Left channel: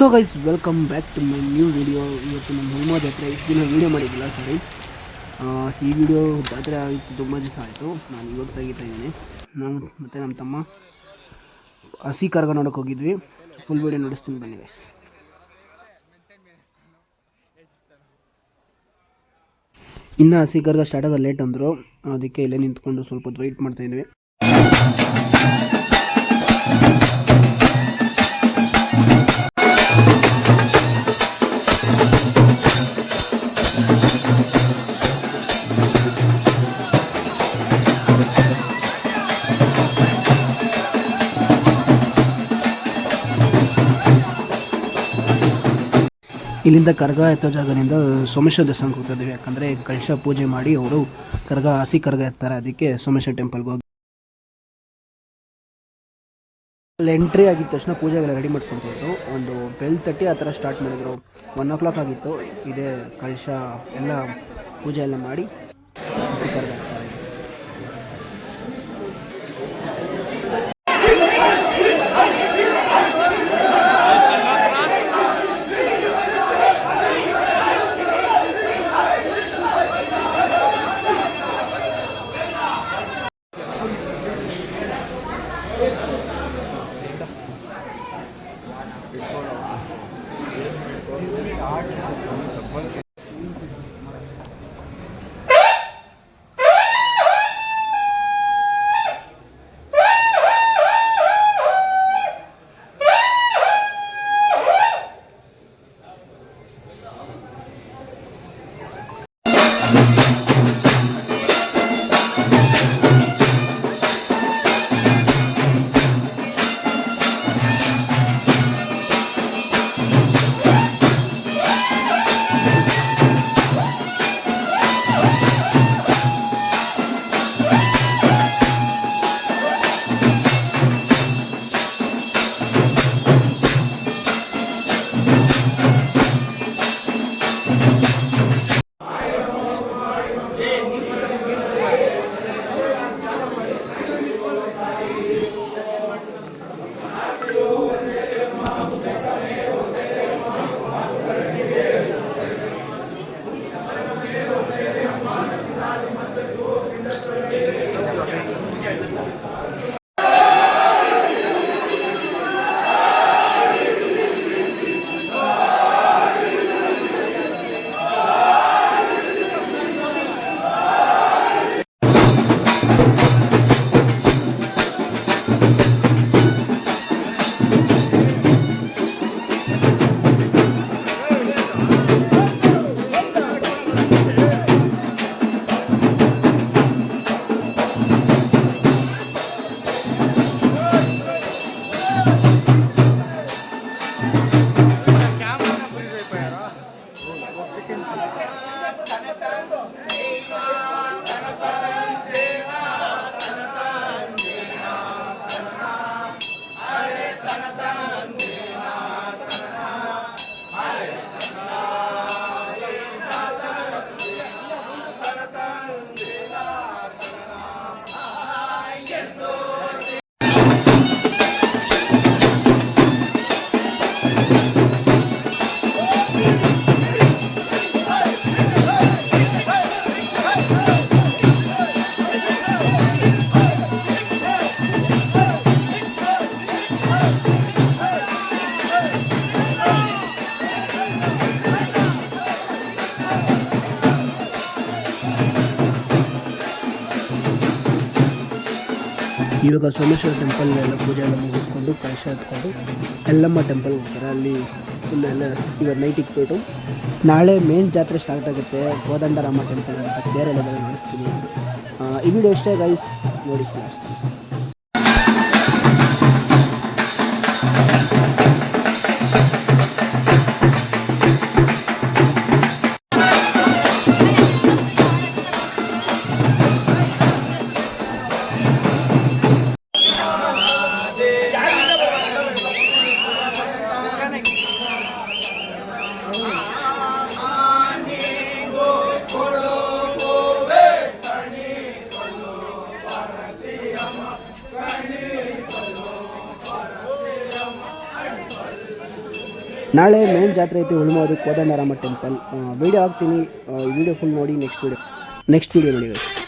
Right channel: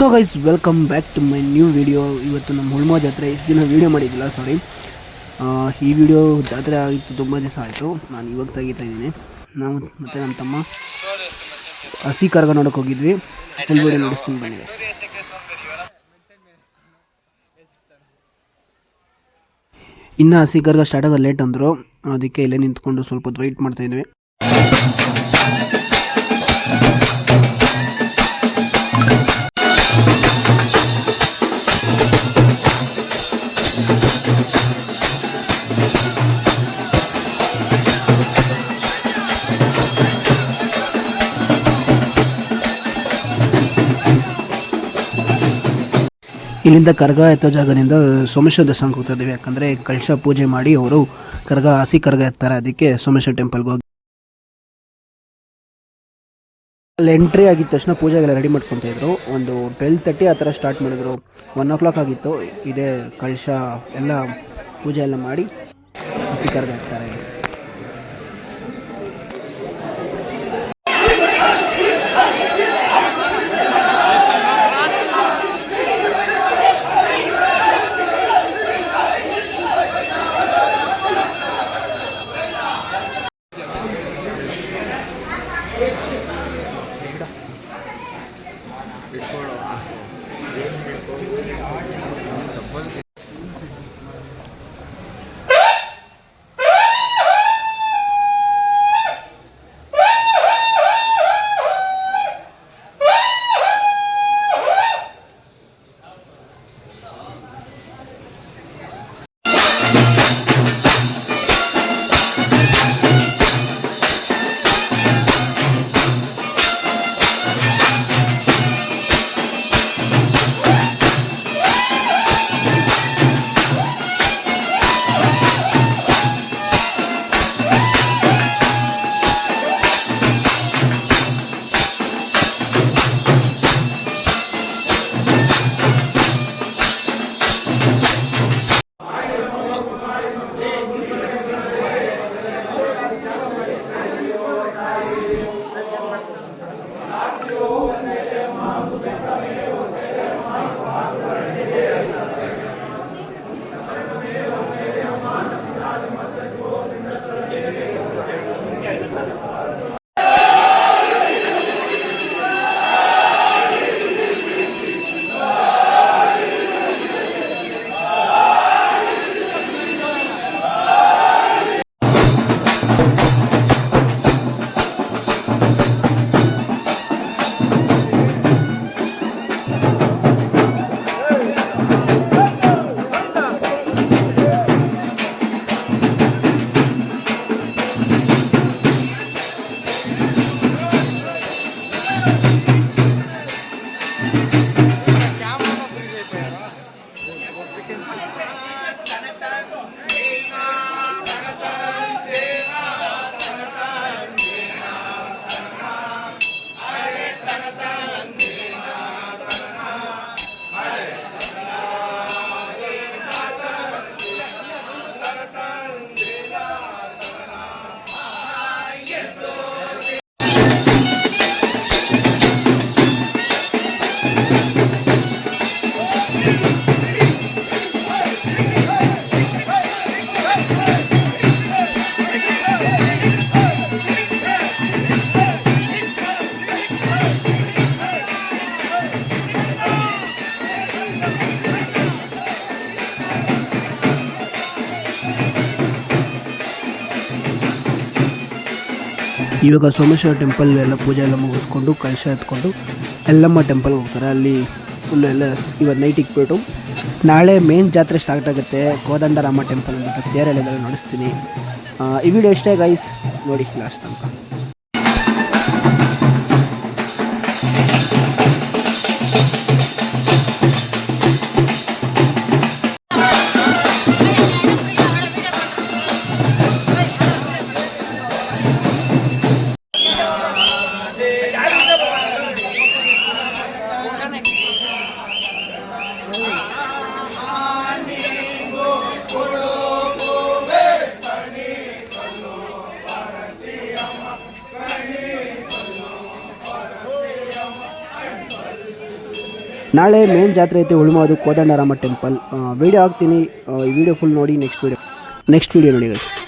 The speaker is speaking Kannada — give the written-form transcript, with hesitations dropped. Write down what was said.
So guys, welcome back to my new video. ಇವತ್ತು ನಮ್ಮ ಹುಳ್ಮ ಜಾತ್ರೆ ಇಷ್ಟು ದಿನ ವೀಡಿಯೋ ಮಾಡಿದ್ದಿಲ್ಲ, ಸಾರಿ. ಈ ವಿಡಿಯೋ ಜಾತ್ರೆ ಆಗಿತ್ತು, ತುಂಬ ದಿವಸ ಆಯಿತು. ನಾನು ಇವಾಗ ತೆಗಿತಾ ಇದ್ದೀನಿ. ನಾವು ಮತ್ತು ನಮ್ಮ ತಮ್ಮ ಹಸಿ ಕರ್ಗ ನೋಡೋಕೆ ಹೋಗಿದ್ವಿ. ಫುಲ್ ವಿಡಿಯೋ ನೋಡಿಸ್ತೀನಿ ಬನ್ನಿ. ಇನ್ನು ಹಸಿ ಕರ್ಗ ಸ್ಟಾರ್ಟ್ ಆಗೋದು ಲೇಟ್ ಅಂದರು, ಅದಕ್ಕೆ ಇಲ್ಲೇ ನಿಂತ್ಕೊಂಡು ಸ್ವಲ್ಪ ಹೊತ್ತು ವೆಯ್ಟ್ ಮಾಡ್ತಾಯಿದ್ವಿ. ಇಲ್ಲಿಂದ ಕರ್ಗ ಎತ್ತೋ ಜಾಗದಿಂದ ಸೋಮೇಶ್ವರ ದೇವಸ್ಥಾನಕ್ಕೆ ಹೋಗ್ತಾ ಇದ್ದೀವಿ. ಯಾಕಂದರೆ ಕಳಶ ಪೂಜೆ ಮಾಡಿ ಅವರು ಹಸಿ ಕರ್ಗ ಎತ್ತಾರೆ, ಅದಕ್ಕೆ ಸೋಮೇಶ್ವರ ಟೆಂಪಲ್ಗೆ ಹೋಗಿ ಅಲ್ಲಿ ಎಂಟ್ರಿ ಆಗಿದ ತಕ್ಷಣ ಪೂಜೆಗೆಲ್ಲ ರೆಡಿ ಮಾಡ್ಕೊತಿದ್ರು. ಒಂದು 12:30 ಆ ಥರ ಸ್ಟಾರ್ಟ್ ಮಾಡಿದ್ರು. 1 o'clock ಆಗಿತ್ತು. ಇದೇ ಕಳಶ ಎಲ್ಲ ಪೂಜೆ ಎಲ್ಲ ಮಾಡಿ ಹಸಿ ಕರ್ಗ ಎತ್ತಾರೆ. ಇವಾಗ ಸೋಮೇಶ್ವರ ಟೆಂಪಲ್ ಎಲ್ಲ ಪೂಜೆ ಎಲ್ಲ ಮುಗಿಸ್ಕೊಂಡು ಕಳಶ ಎತ್ಕೊಂಡು ಎಲ್ಲಮ್ಮ ಟೆಂಪಲ್ಗೆ ಹೋಗ್ತಾರೆ. ಅಲ್ಲಿ ಫುಲ್ ಎಲ್ಲ ಇವಾಗ ನೈಟ್ ಇಕ್ಬಿಟ್ಟು ನಾಳೆ ಮೇನ್ ಜಾತ್ರೆ ಸ್ಟಾರ್ಟ್ ಆಗುತ್ತೆ. ಕೋದಂಡರಾಮ ಟೆಂಪಲ್ ಅಂತ ಬೇರೆಲ್ಲ ನಡೆಸ್ತೀನಿ. ಈ ವಿಡಿಯೋ ಇಷ್ಟೇ ಗೈಸ್, ನೋಡಿ ಲಾಸ್ಟ್ ತನಕ. ನಾಳೆ ಮೇನ್ ಜಾತ್ರೆ ಐತೆ ಉಳ್ಮೋದು ಕೋದಂಡರಾಮ ಟೆಂಪಲ್. ವೀಡಿಯೋ ಹಾಕ್ತೀನಿ, ಈ ವಿಡಿಯೋ ಫುಲ್ ನೋಡಿ. ನೆಕ್ಸ್ಟ್ ವೀಡಿಯೋ ನೋಡಿ guys.